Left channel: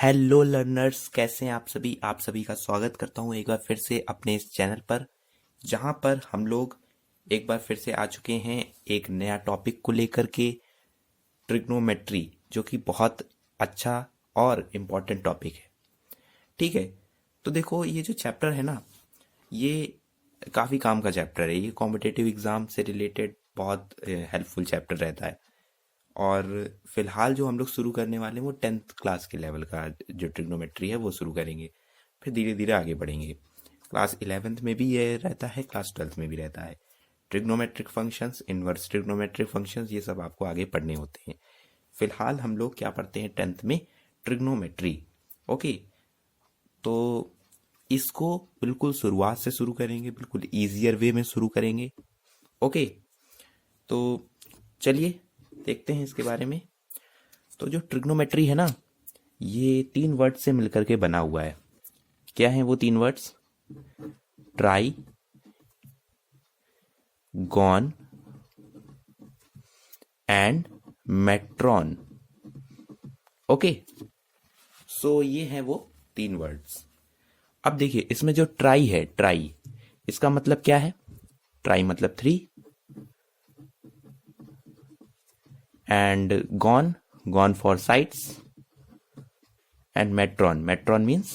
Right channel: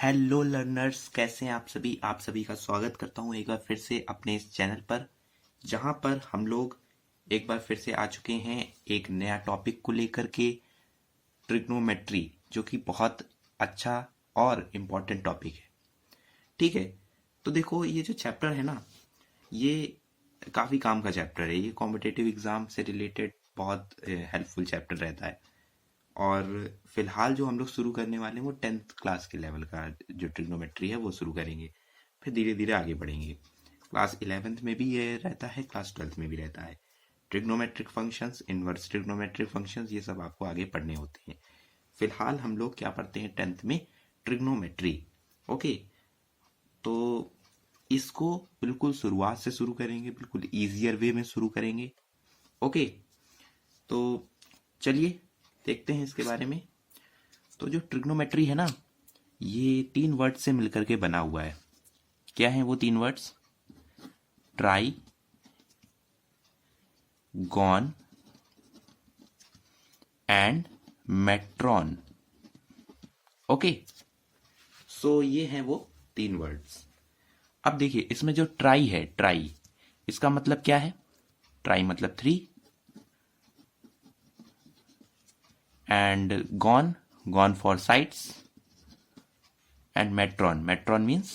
Hello learners, कैसे हैं आप सभी का स्वागत करता हूं एक बार फिर से अपने इस चैनल पर, जहां पर हम लोग एक बार फिर से आ चुके हैं एक नया टॉपिक को लेकर के, ट्रिग्नोमेट्री, जो कि बहुत अच्छा और इम्पोर्टेंट टॉपिक है। ठीक है, तो देखो ये जो चैप्टर है ना, ये काफ़ी काम का चैप्टर है। ये कॉम्पिटिटिव एग्ज़ाम से रिलेटेड बहुत हेल्पफुल चैप्टर रहता है। और फिलहाल जो हम लोग शुरू करने वाले हैं वो 10th क्लास के लेवल का जो ट्रिग्नोमेट्री है वो शुरू करेंगे। फिर धीरे धीरे आगे बढ़ेंगे। क्लास 11th में भी ये रहता है, क्लास 12th में भी रहता है। Trigonometric functions, inverse trigonometric functions, ये सब आपको आगे पढ़ने होते हैं। फिलहाल हम लोग क्या पढ़ते हैं 10th में? ट्रिग्नोमेट्री। ओके, तो इसको बिल्कुल शुरुआत से शुरू करेंगे, बिल्कुल ईजियर वे में शुरू करेंगे। ओके, तो चलिए देखते हैं इसके बारे में। तो जो ट्रिग्नोमेट्री है ना, ये 3 वर्ड से मिलकर के बना हुआ है। क्या है वो 3 words? Tri, gon and metron. Okay, so ये है वो 3 वर्ड्स। अब देखिए इसमें जो ट्राई है, ट्राई इसका मतलब क्या है? ट्राई मतलब 3, and gon, gon for sides, and metron, metron means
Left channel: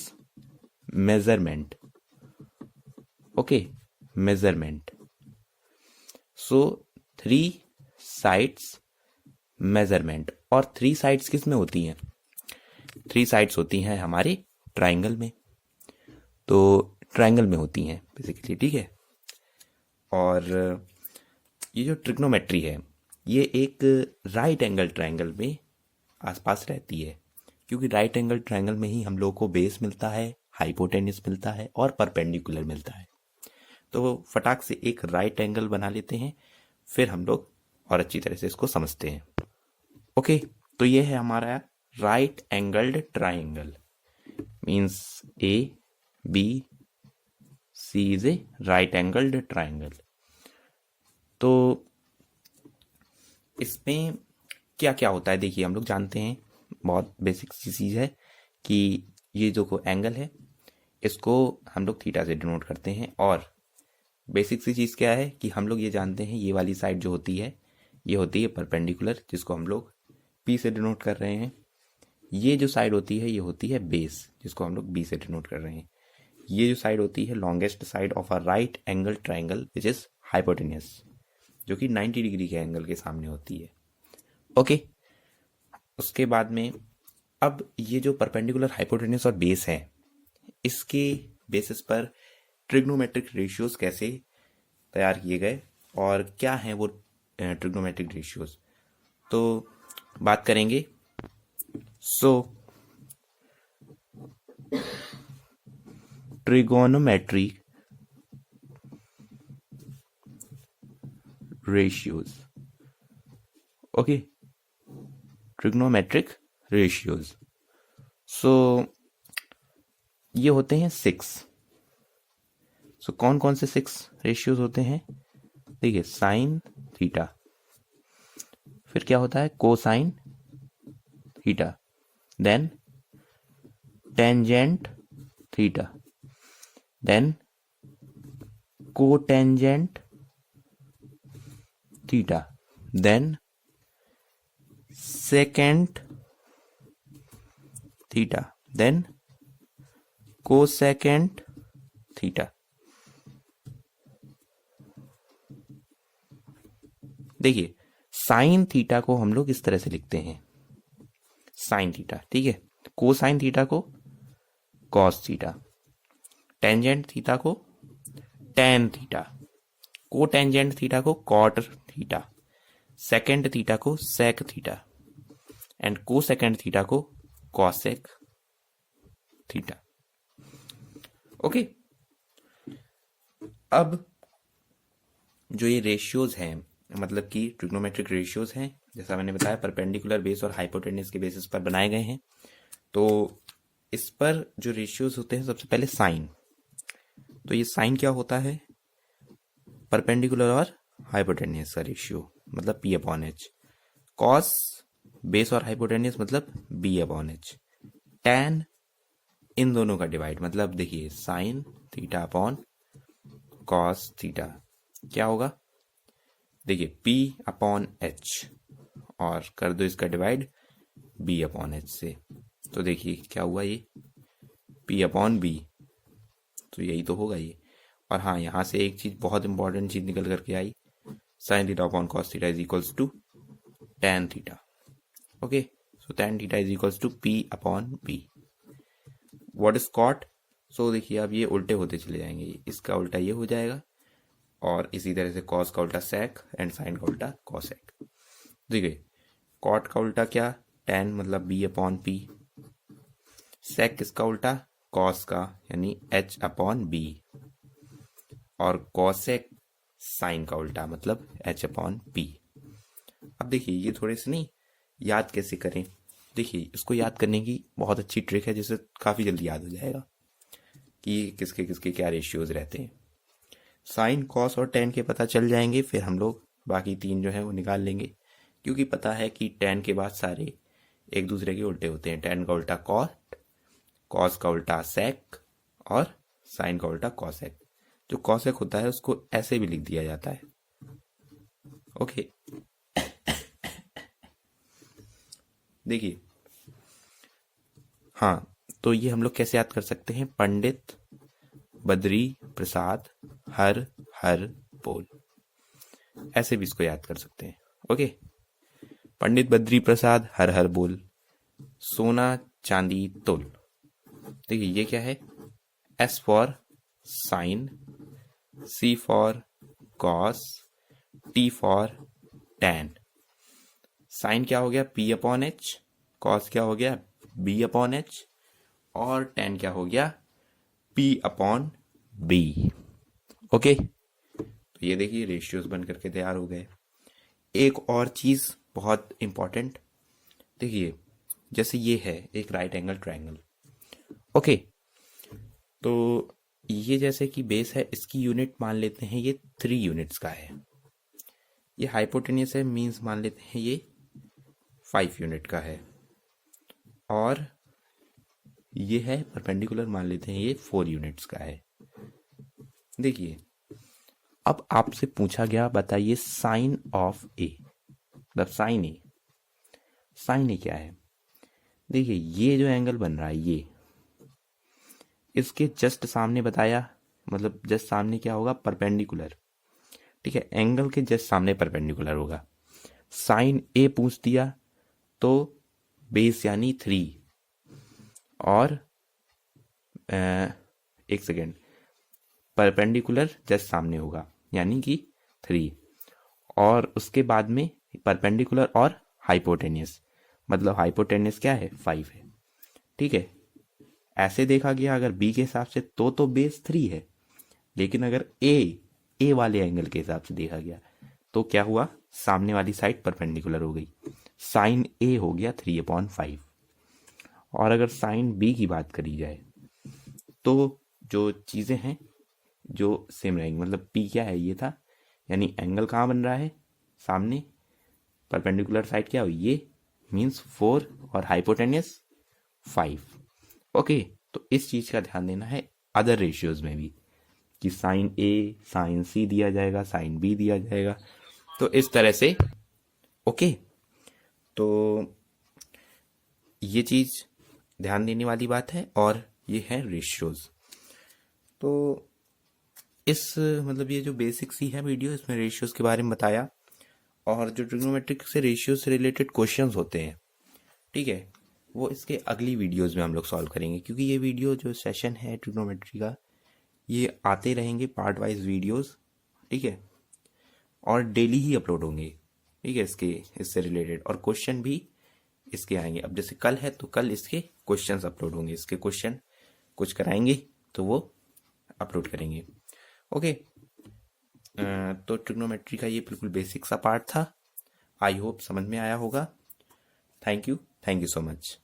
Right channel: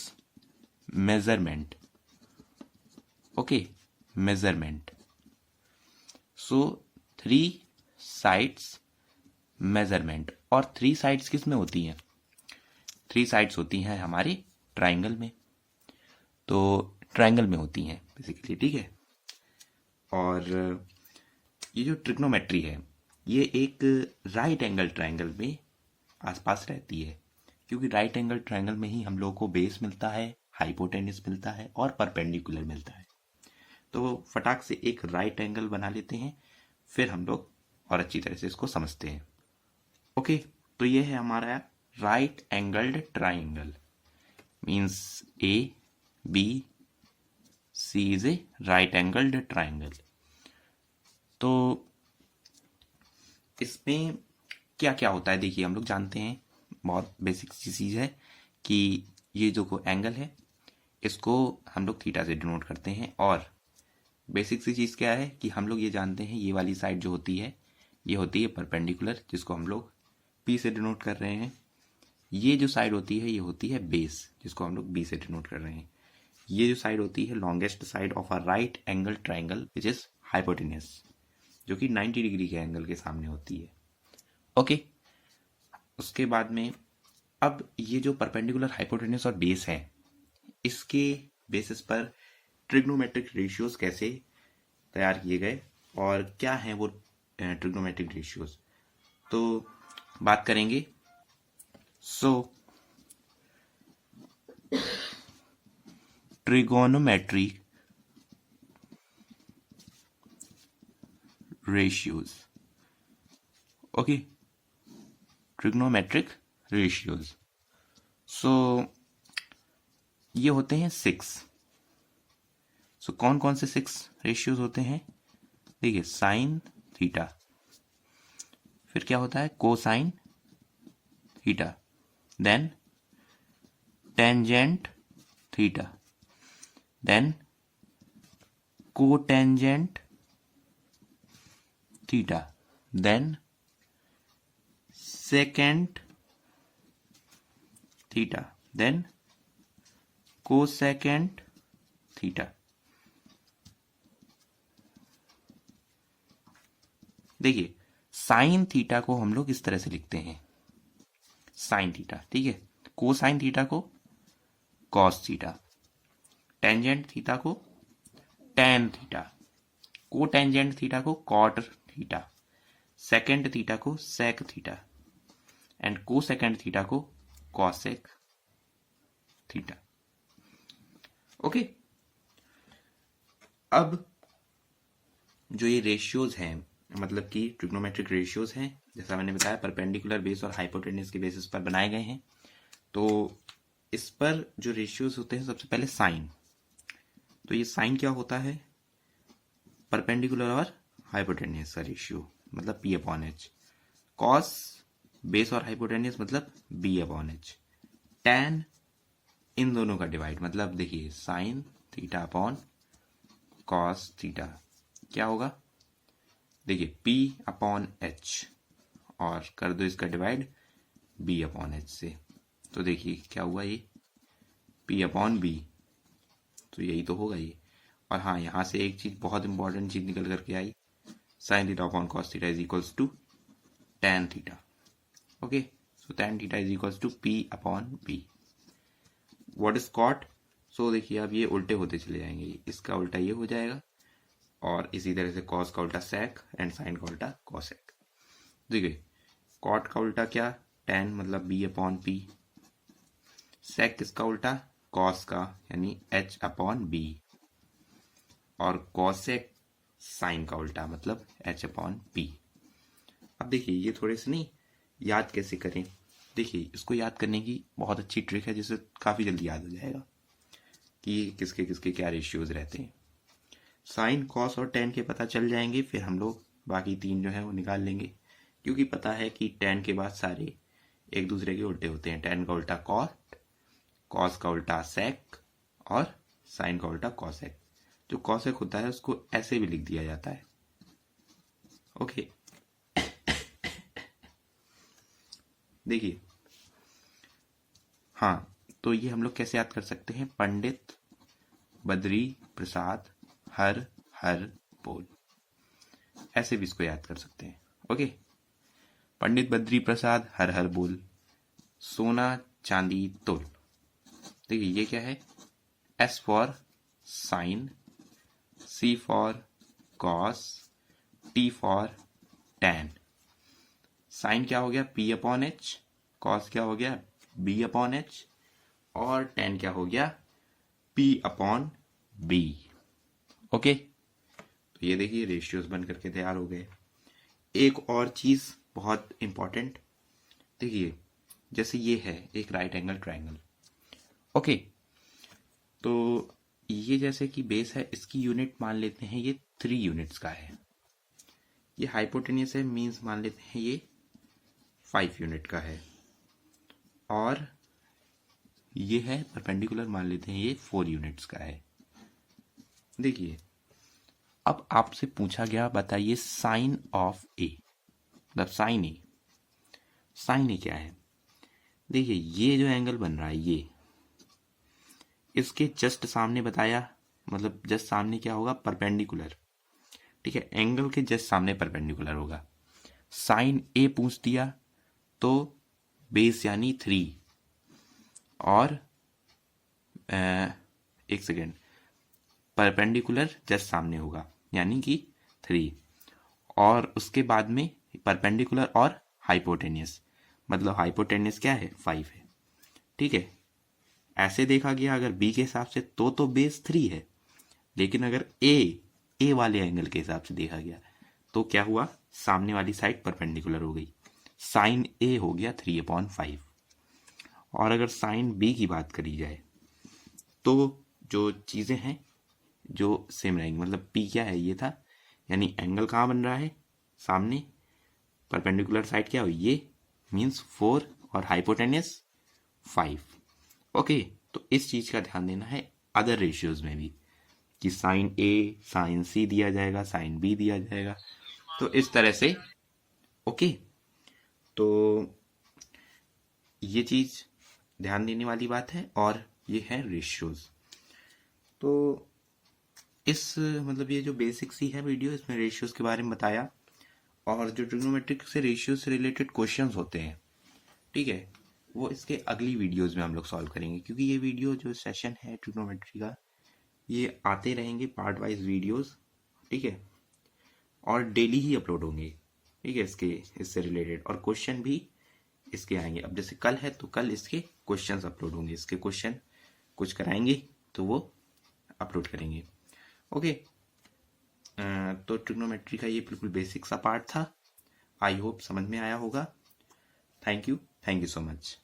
measurement. Okay, measurement. So 3 sides measurement. और 3 साइड्स किस में होती हैं? 3 साइड्स होती हैं हमारे ट्राइंगल में। तो ट्राइंगल में होती हैं बेसिकली, ठीक है। और ये जो ट्रिग्नोमेट्री है, ये एक राइट एंगल ट्राइंगल में आसपास रहती है, क्योंकि राइट एंगल ट्राइंगल में ही हम लोग को बेस मिलता है, हाइपोटेन्यूस मिलता है और परपेंडिकुलर मिलता है। तो फटाक से एक राइट एंगल बना लेते हैं, फिर हम लोग और अच्छी तरह से इसको समझते हैं। ओके, तो ये है हमारा right angled triangle. Means A B C is a right angled triangle. तो इसमें क्या क्या होता है देखिए, हम लोग जानते हैं, बहुत बेसिक सी चीज़ है कि ये जो एंगल है इसको हम लोग थीटा से डिनोट करते हैं। और बेसिक सी चीज़ क्या है कि हम लोग ये जानते हैं, ये वाली साइड जो होती है ये होती है परपेंडिकुलर, जिसको हम लोग पी से डिनोट कर रहे हैं। ये जो साइड होती है ये होती है बेस, जिसको हम लोग बी से डिनोट कर रहे हैं। ये जो साइड होती है longest side of a right angle triangle which is hypotenuse, जो कि 90 डिग्री के एंगल के सामने होती है। ओके, उसके बाद में अब ये जो परपेंडिकुलर, हाइपोटेन्यूस और बेस है, इसके बेसिस पर ट्रिग्नोमेट्रिक रेशियोज कैसे तैयार किए गए और क्या हैं वो ट्रिग्नोमेट्रिक रेशियोज, तो बात करेंगे। सो trigonometry ratios. Okay, trigonometric ratios. So ये होते हैं 6। सो कौन कौन से 6 रेशियोज होते हैं? देखिए, साइन थीटा, फिर क्या होता है cosine theta, then tangent theta, then cotangent theta, then secant theta, then cosecant theta. देखिए, साइन थीटा को हम लोग इस तरह से लिखते हैं, साइन थीटा, ठीक है। कोसाइन थीटा को कॉस थीटा, टेंजेंट थीटा को टेन थीटा, कोटेंजेंट थीटा को कॉट थीटा, सेकेंड थीटा को sec theta, and cosecant theta को कॉसेक थीटा। ओके, अब जो ये रेशियोज हैं, मतलब कि ट्रिग्नोमेट्रिक रेशियोज हैं, जैसा मैंने बताया परपेंडिकुलर बेस और हाइपोटेन्यूस के बेसिस पर बनाए गए हैं। तो इस पर जो रेशियोज होते हैं, सबसे पहले साइन। तो ये साइन क्या होता है? परपेंडिकुलर और हाइपोटेन्यूस का रेशियो, मतलब P upon H. Cos base और हाइपोटेन्यूस मतलब बी अपॉन एच। tan इन दोनों का डिवाइड, मतलब देखिए sine theta upon cos theta क्या होगा, देखिए P अपॉन H और कर दो इसका डिवाइड B अपॉन H से, तो देखिए क्या हुआ ये P अपॉन B, तो यही तो होगा ये। और हाँ, यहाँ से एक चीज बहुत इंपॉर्टेंट चीज निकल करके आई, sine theta upon cos theta is equals to tan theta. Okay, so tan theta is equals to P upon B। What is cot, so देखिए अब ये उल्टे होते चले जाएंगे, इसका उल्टा ये हो जाएगा और इसी तरह से कॉस का उल्टा सेक एंड साइन का उल्टा कॉसेक। देखिए कॉट का उल्टा क्या, tan मतलब B अपॉन P, सेक इसका उल्टा कॉस का यानी H अपॉन B, और कॉसेक साइन का उल्टा मतलब H अपॉन P। अब देखिए ये थोड़े से नहीं याद कैसे करें, देखिए इसको याद करने की बहुत अच्छी ट्रिक है जिससे काफ़ी जल्दी याद हो जाएगा कि किसके किसके क्या रेशियोज रहते हैं। साइन कॉस और टेन के पता चल जाएंगे, फिर हम लोग बाकी तीन जो है वो निकाल लेंगे, क्योंकि पता है कि टेन के बाद सारे एक दूसरे के उल्टे होते हैं। टेन का उल्टा कॉट, कॉस का उल्टा सेक और साइन का उल्टा कॉसेक। जो कॉसेक होता है उसको ऐसे भी लिख दिया जाता है। ओके, देखिए हाँ, तो ये हम लोग कैसे याद कर सकते हैं, पंडित बद्री प्रसाद हर हर बोल, ऐसे भी इसको याद कर सकते हैं। ओके, पंडित बद्री प्रसाद हर हर बोल, सोना चांदी तोल। देखिए ये क्या है, S for sine, C for cos, T for tan. Sine क्या हो गया P अपॉन H, कॉस क्या हो गया B अपॉन H और टैन क्या हो गया P अपॉन B। ओके, तो ये देखिए रेशियोज बन करके तैयार हो गए। एक और चीज बहुत इंपॉर्टेंट, देखिए जैसे ये है एक राइट एंगल ट्रायंगल। ओके, तो ये जैसे कि बेस है, इसकी यूनिट मान लेते हैं ये 3 यूनिट्स का है। ये हाइपोटेन्यूस है, मीन्स मान लेते हैं ये 5 यूनिट का है, और ये है परपेंडिकुलर, मान लेते हैं ये 4 यूनिट्स का है। देखिए अब आपसे पूछा गया बताइए साइन ऑफ ए, मतलब साइन ए क्या है। देखिए ये जो एंगल बन रहा है ये इसके जस्ट सामने बताया, मतलब जस्ट सामने क्या होगा परपेंडिकुलर, ठीक है, एंगल के जस्ट सामने परपेंडिकुलर होगा। साइन ए पूछ दिया तो बेस यानी 3 और एक सेकेंड, परपेंडिकुलर जस्ट सामने होगा यानी कि 3, और उसके बाद में परपेंडिकुलर और हाइपोटेनियस, मतलब हाइपोटेनियस क्या है 5 है। ठीक है, ऐसे देखा गया अगर बी के हिसाब से तो बेस 3 है, लेकिन अगर ए वाले एंगल के हिसाब से देखा गया तो क्या हुआ, सामने वाली साइड परपेंडिकुलर हो गई, साइन ए हो गया 3/5। और अगर साइन बी की बात करी जाए तो जो चीज़ें हैं जो सेम रहेंगी, मतलब पी क्या है ये था, यानी एंगल कहाँ बन रहा है सामने, परपेंडिकुलर साइड क्या हुई ये, मीन्स 4 और हाइपोटेनियस 5। ओके, तो इस चीज़ का ध्यान देना है अदर रेशियोज में भी, कि साइन ए साइन सी दिया जाएगा, साइन बी दिया जाएगा, तो इस तरह से। ओके, तो ये चीज़ ध्यान देने वाली बात है, और ये है रेशियोज। तो इस मतलब ये जो बेसिक सी है वीडियो, इसमें रेशियोज के बारे में बताया, और जो ट्रिग्नोमेट्रिक से रेशियो से रिलेटेड क्वेश्चंस होते हैं, ठीक है, वो इसके अगली वीडियोस में हम लोग सॉल्व करेंगे, क्योंकि ये वीडियो जो सेशन है ट्रिग्नोमेट्री का ये आते रहेंगे पार्ट वाइज वीडियोस, ठीक है, और डेली ही अपलोड होंगे, ठीक है, इससे रिलेटेड, और क्वेश्चन भी इसके आएंगे। अब जैसे कल है तो कल इसके क्वेश्चंस अपलोड होंगे, इसके क्वेश्चन कुछ कराएंगे तो वो अपलोड करेंगे। ओके, तो ट्रिग्नोमेट्री का ये बिल्कुल बेसिक सा पार्ट था, आई होप समझ में आया होगा। Thank you so much.